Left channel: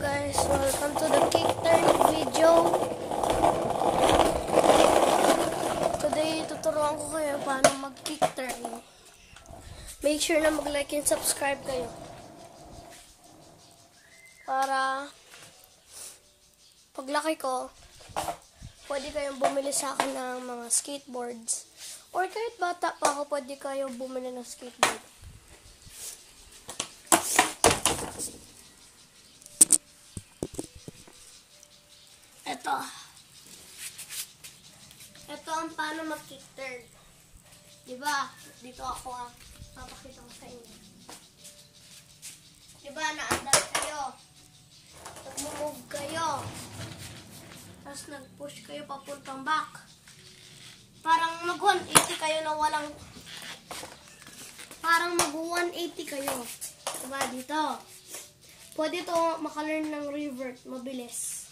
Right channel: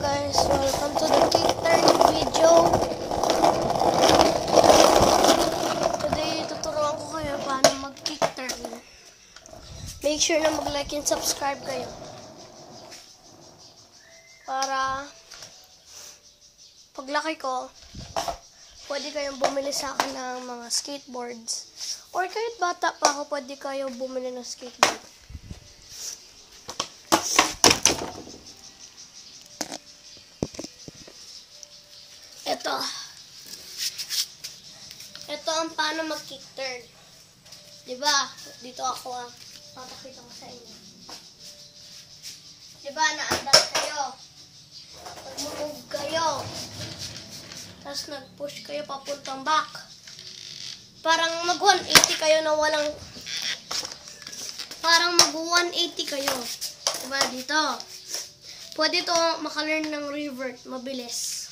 guys, welcome to the kick turn video. Today, tuturuan ko kayo paano mag-kick turn. Make sure na mag-like and subscribe kayo. Para paglaki ko, pwede kayong bumili sa akin ng mga skateboards. Or kahit bata pa ako, pwede kayo bumili ng skateboard. Ito ang paano mag-kick turn. Diba? Dito ako papakita ko sa inyo. Diba? Naandar kayo. Nag-move kayo. Tapos nag-push kayo papuntang back. Parang mag-180 kayo na walang... Parang mag-180 kayo. Diba? Dito. Pwede to maka-learn ng revert. Mabilis.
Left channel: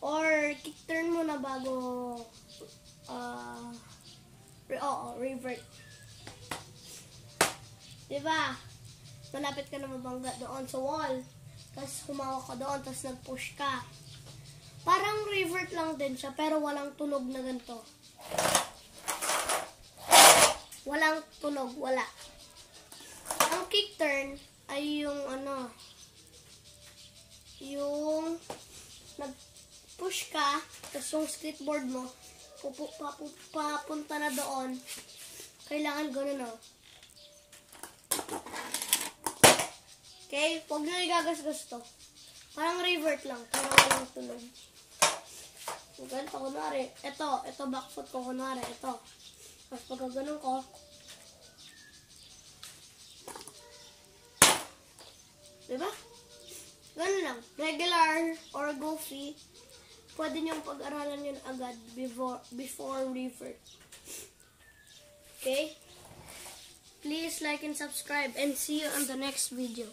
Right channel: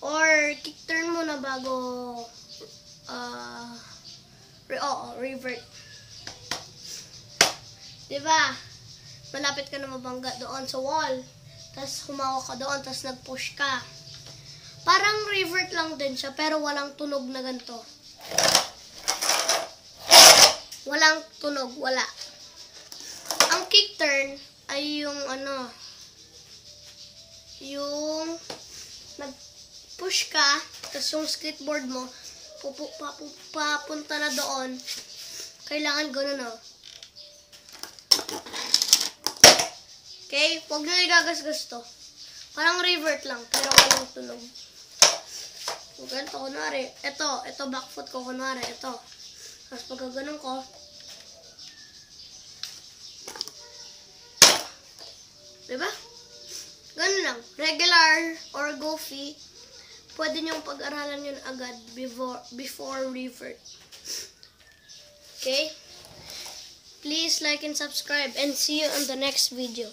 Or kick turn muna bago revert. Diba? Malapit ka na mabangga doon sa wall. Tapos humawak ka doon, tapos nag-push ka. Parang revert lang din siya, pero walang tunog na ganito. Walang tunog, wala. Ang kick turn ay yung yung push ka, tapos yung skateboard mo, papunta na doon. Kailangan gano'n, no? Okay? Huwag nyo igagasgas to. Parang revert lang, pero walang tunog. So, ganito, kunwari. Ito, back foot ko, kunwari. Ito. Tapos pagka ganun ko, diba? Ganun lang. Regular or goofy. Pwede niyong pag-aralan yun agad before revert. Okay? Please like and subscribe and see you in the next video.